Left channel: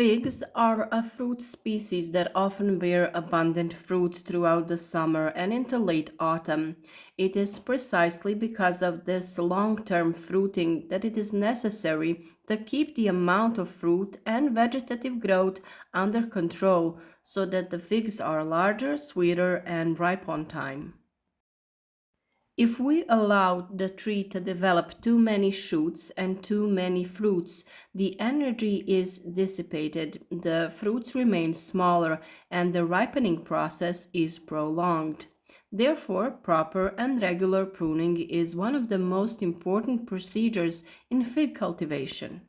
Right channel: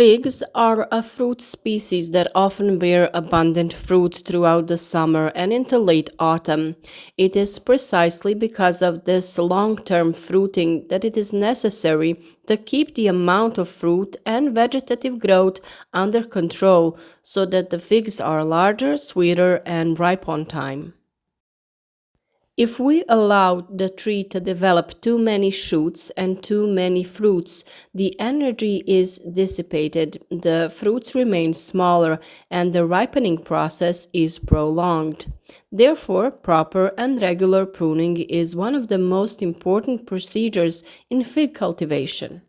Figs are a fruit species that often bear abundant fruit throughout the summer and into late autumn. It is precisely because of this long-term fruiting that it is necessary to keep the amount of fruit and vegetative growth under control so that the figs are larger, sweeter, and ripe on time. If we allow the tree to develop too many shoots and too many fruits, the energy is dissipated, the fruits remain smaller, and the ripening process is prolonged. Therefore, proper and regular pruning is one of the most important procedures in fig cultivation.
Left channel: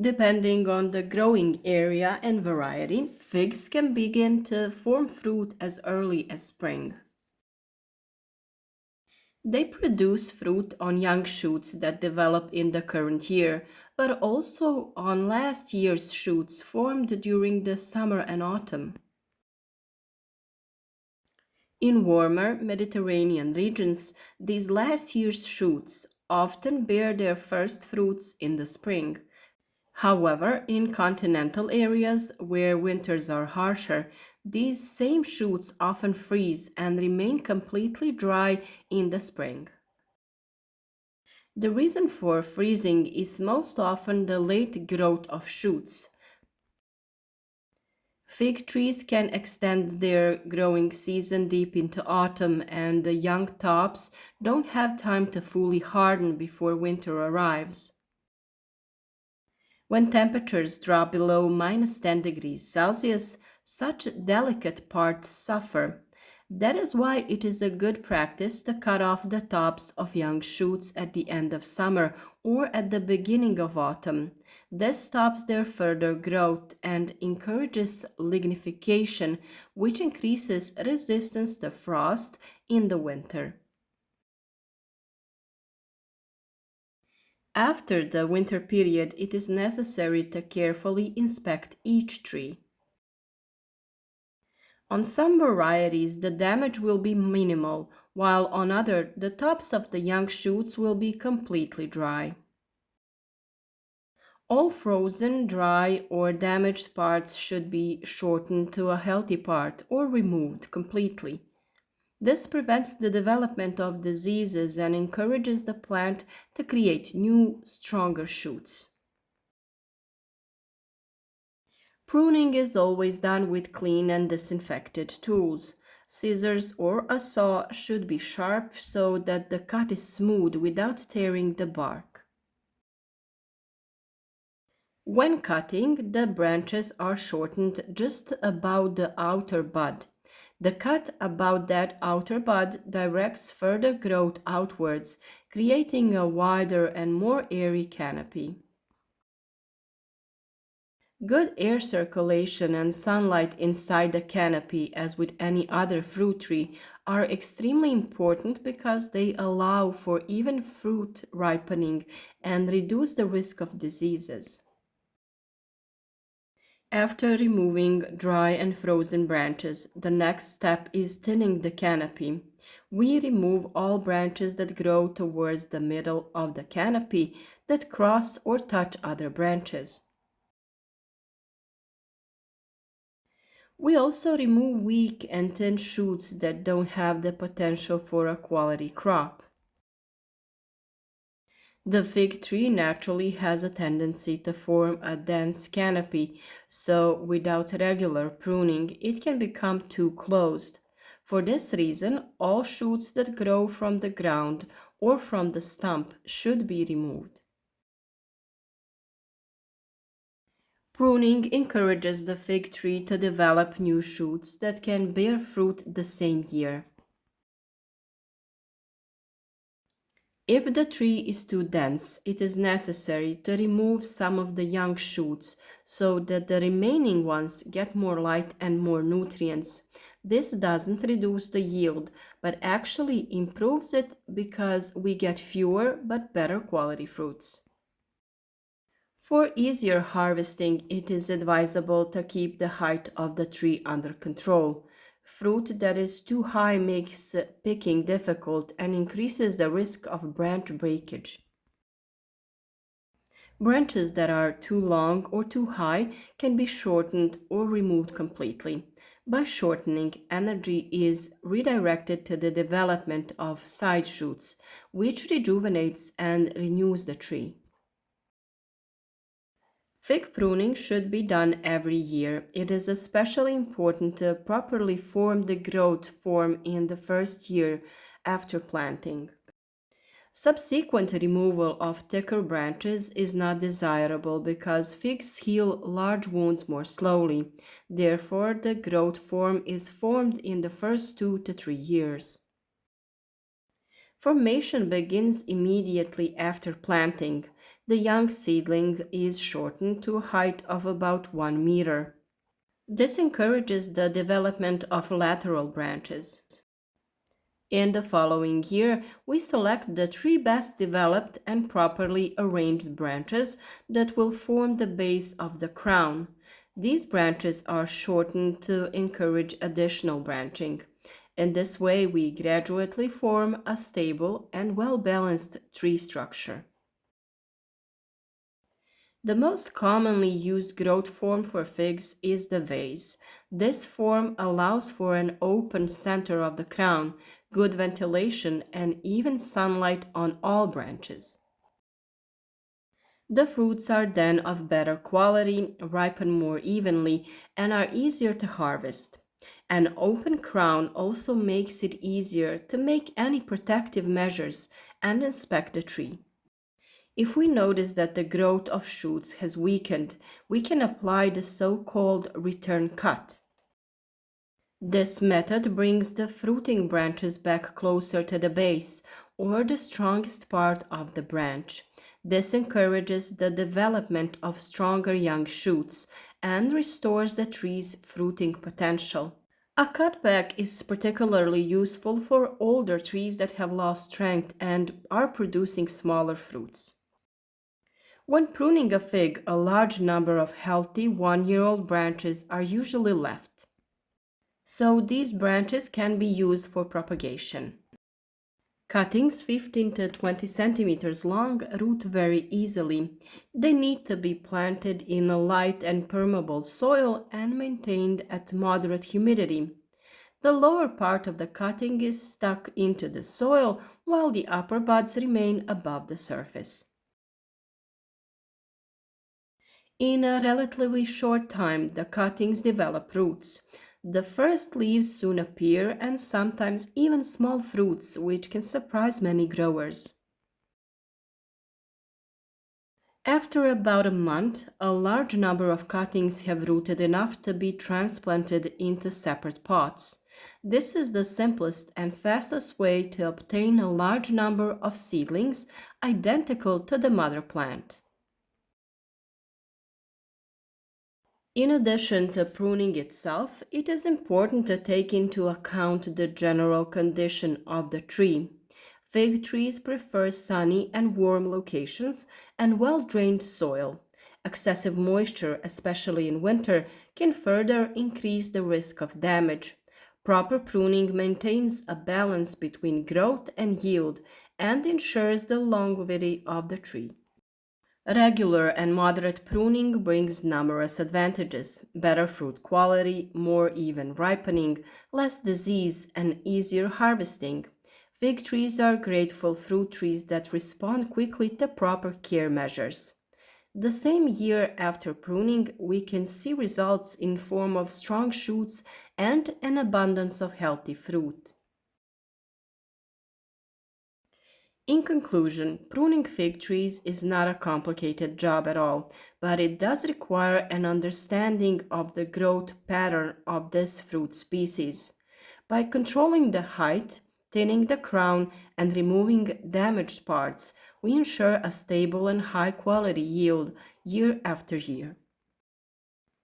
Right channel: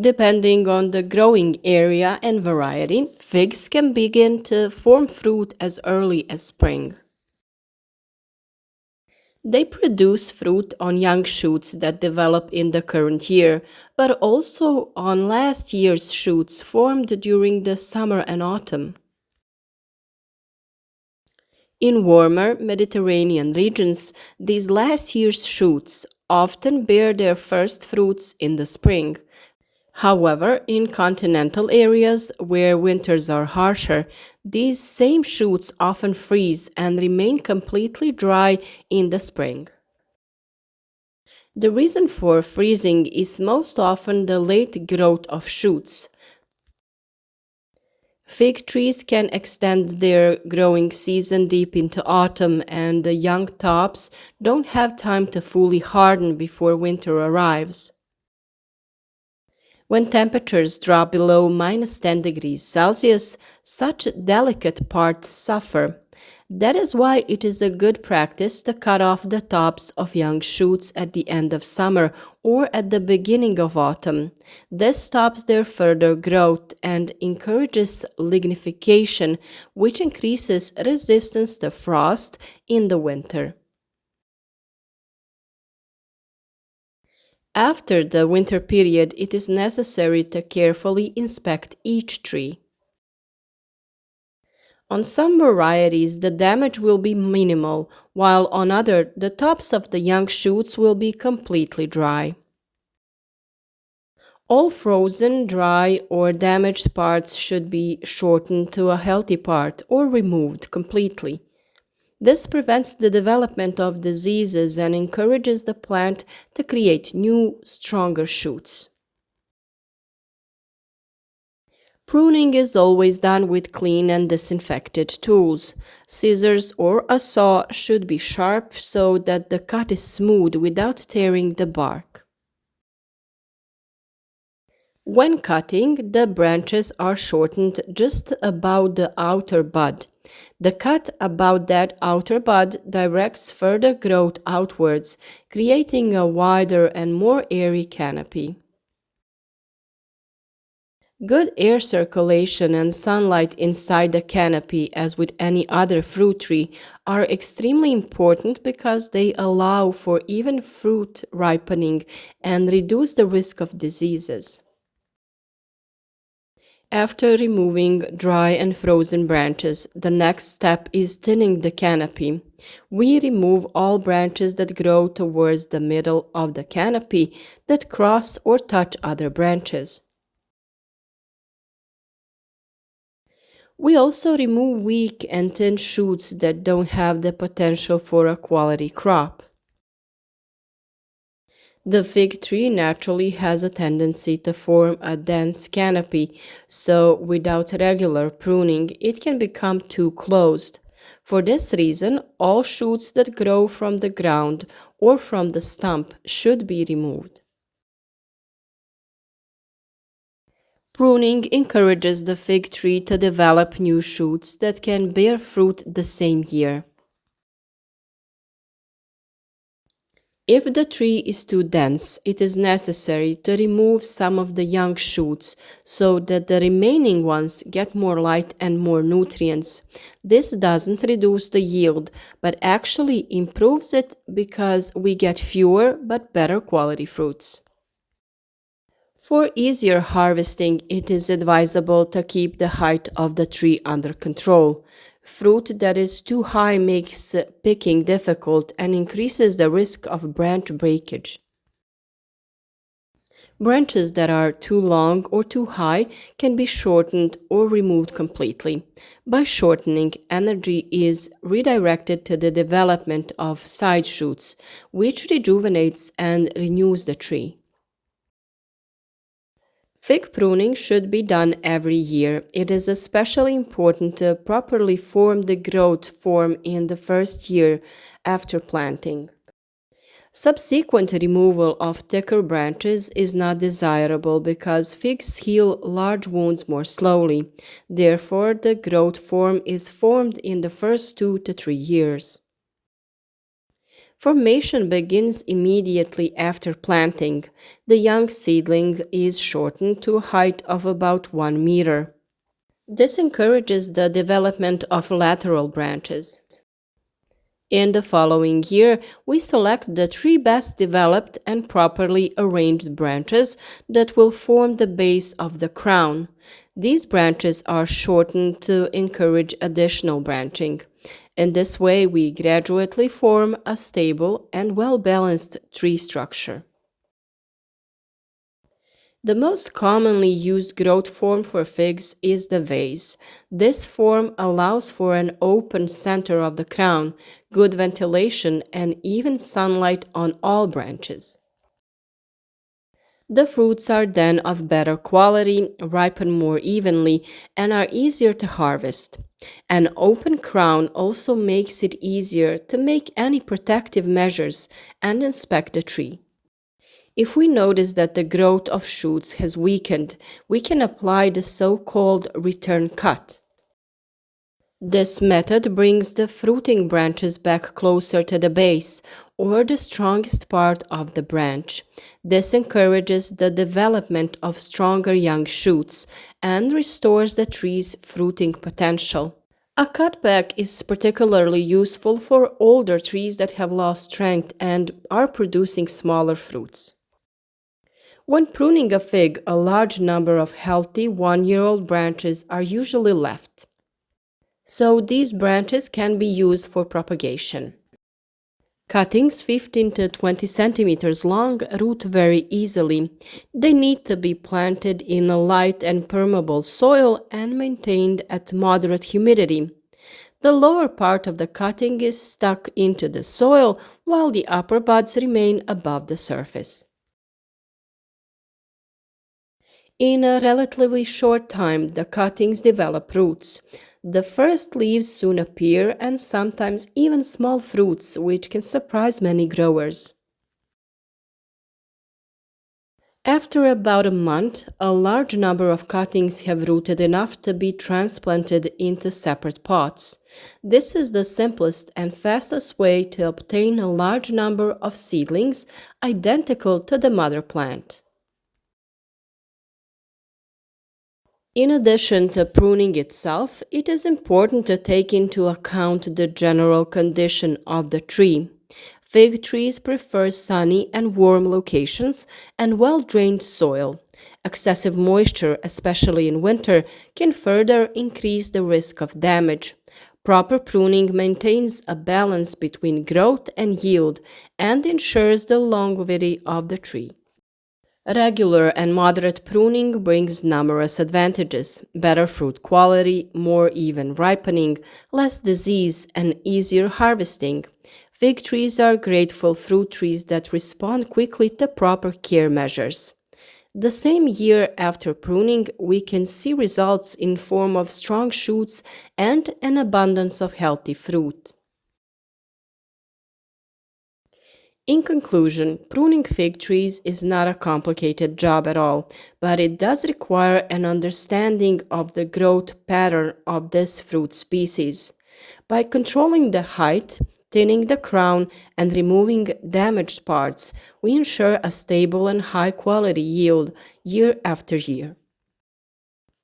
Depending on the growing area and variety, figs can begin to form fruit as early as spring. They produce fruit on young shoots that develop in the current year, but also on last year's shoots formed during the summer and autumn. In warmer Mediterranean regions, these last year's shoots often bear their first fruits in the spring. However, in continental areas where winters are harsher, these same shoots often freeze and remain completely dry in the spring. The reason for freezing is most often the late growth of shoots. Fig trees can extend their growing season deep into autumn, and the young tops don't have time to fully harden before winter arrives. When temperatures drop below -10 degrees Celsius, such delicate parts suffer. That is why it is a good practice to cut off the tops of young shoots at the end of summer or at the beginning of autumn. This stops their further growth and encourages lignification, which increases resistance to frost in the winter. After the winter period, it is necessary to carefully inspect each tree. On some varieties, the damage will be minimal, while on other, the tops of the young shoots will be completely dry. All frozen, dry, or damaged parts should be shortened to a healthy part or removed completely. This prevents the development of diseases and encourages the plant to create new, stronger shoots. Pruning is always done with clean and disinfected tools. Scissors or a saw should be sharp so that the cut is smooth without tearing the bark. When cutting, the branches are shortened just about the outer bud. The cut about that outer bud directs further growth outwards, creating a wider and more airy canopy. Good air circulation and sunlight inside the canopy, as with any other fruit tree, are extremely important because they allow for even fruit ripening and reduce the risk of diseases. After removing dry and frozen branches, the next step is thinning the canopy. We remove all branches that grow towards the middle of the canopy that cross or touch other branches. We also remove weak and thin shoots that don't have the potential for a quality crop. The fig tree naturally has a tendency to form a dense canopy, so without regular pruning, it can become too closed. For this reason, all shoots that grow from the ground or from the stump should be removed. Pruning encourages the fig tree to develop new shoots that can bear fruit the same year. If the tree is too dense, it is necessary to remove some of the young shoots so that the remaining ones get more light and more nutrients. This doesn't reduce the yield, but actually improves it because we get fewer but better quality fruits. For easier harvesting, it is advisable to keep the height of the tree under control. Fruit that is too high makes picking difficult and increases the risk of branch breakage. Branches that are too long or too high can be shortened or removed completely. By shortening, energy is redirected to the development of side shoots, which rejuvenates and renews the tree. Fig pruning should be done every year. It is especially important to properly form the growth form in the first year after planting. Subsequent removal of thicker branches is not desirable because figs heal large wounds more slowly. Therefore, the growth form is formed in the first 2 to 3 years. Formation begins immediately after planting. The young seedling is shortened to a height of about 1 meter. This encourages the development of lateral branches. In the following year, we select the 3 best developed and properly arranged branches that will form the base of the crown. These branches are shortened to encourage additional branching. In this way, we gradually form a stable and well-balanced tree structure. The most commonly used growth form for figs is the vase. This form allows for an open center of the crown, good ventilation, and even sunlight on all branches. The fruits are then of better quality, ripen more evenly, and are easier to harvest. An open crown also makes it easier to make any protective measures and inspect the tree. If we notice that the growth of shoots has weakened, we can apply the so-called return cut. This method brings the fruiting branches back closer to the base or the strongest part of the branch. This encourages the development of stronger young shoots and restores the tree's fruiting potential. A cutback is particularly useful for older trees that have lost strength and are producing smaller fruits. When pruning a fig, a large number of healthy 1-year-old branches are usually left. So these branches can be used for propagation. Cuttings 15 to 20 centimeters long root very easily. They need to be planted in a light and permeable soil and maintained at moderate humidity. The lower part of the cutting is stuck into the soil while the upper buds remain above the surface. In a relatively short time, the cuttings develop roots. The first leaves soon appear and sometimes even small fruits, which can surprise many growers. After about a month, a large number of cuttings have rooted enough to be transplanted into separate pots. This is the simplest and fastest way to obtain a large number of seedlings identical to the mother plant. In addition to pruning itself, it is important to take into account the general condition of the tree. Fig trees prefer sunny and warm locations and well-drained soil. Excessive moisture, especially in winter, can further increase the risk of damage. Proper pruning maintains a balance between growth and yield and ensures the longevity of the tree. Regular and moderate pruning brings numerous advantages: better fruit quality, more even ripening, less disease, and easier harvesting. Fig trees are grateful fruit trees that respond quickly to proper care measures. The same year after pruning, we can see results in form of strong shoots and an abundance of healthy fruit. In conclusion, pruning fig trees is not a complicated job at all, but it does require an understanding of the growth pattern of this fruit species. By controlling the height, thinning the crown, and removing damaged parts, we ensure a stable and high quality yield year after year.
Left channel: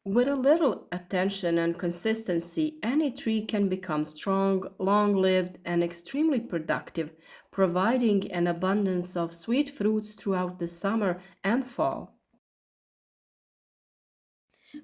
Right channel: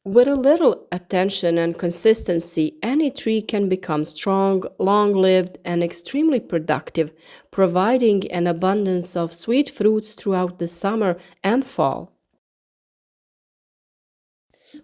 With a little attention and consistency, any tree can become strong, long-lived, and extremely productive, providing an abundance of sweet fruits throughout the summer and fall.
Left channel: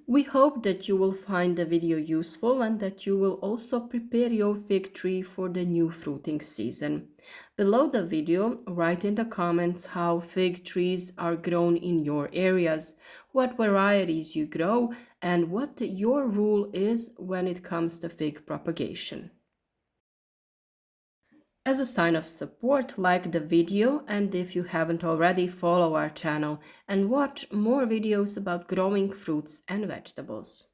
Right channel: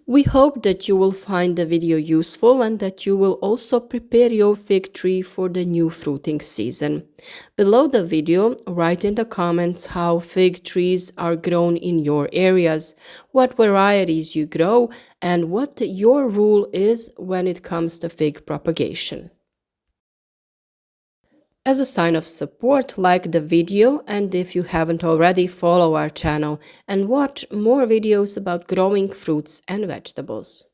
We hope that you will find the video useful and that you will also prepare your fig tree for the new fruiting season. Below the video, write in the comments how fig trees are grown in your areas, what varieties you grow, and what your rule is when it comes to fig propagation. As a sign of support, like the video, and if you haven't already, follow our channel and watch more videos about growing fruits and vegetables.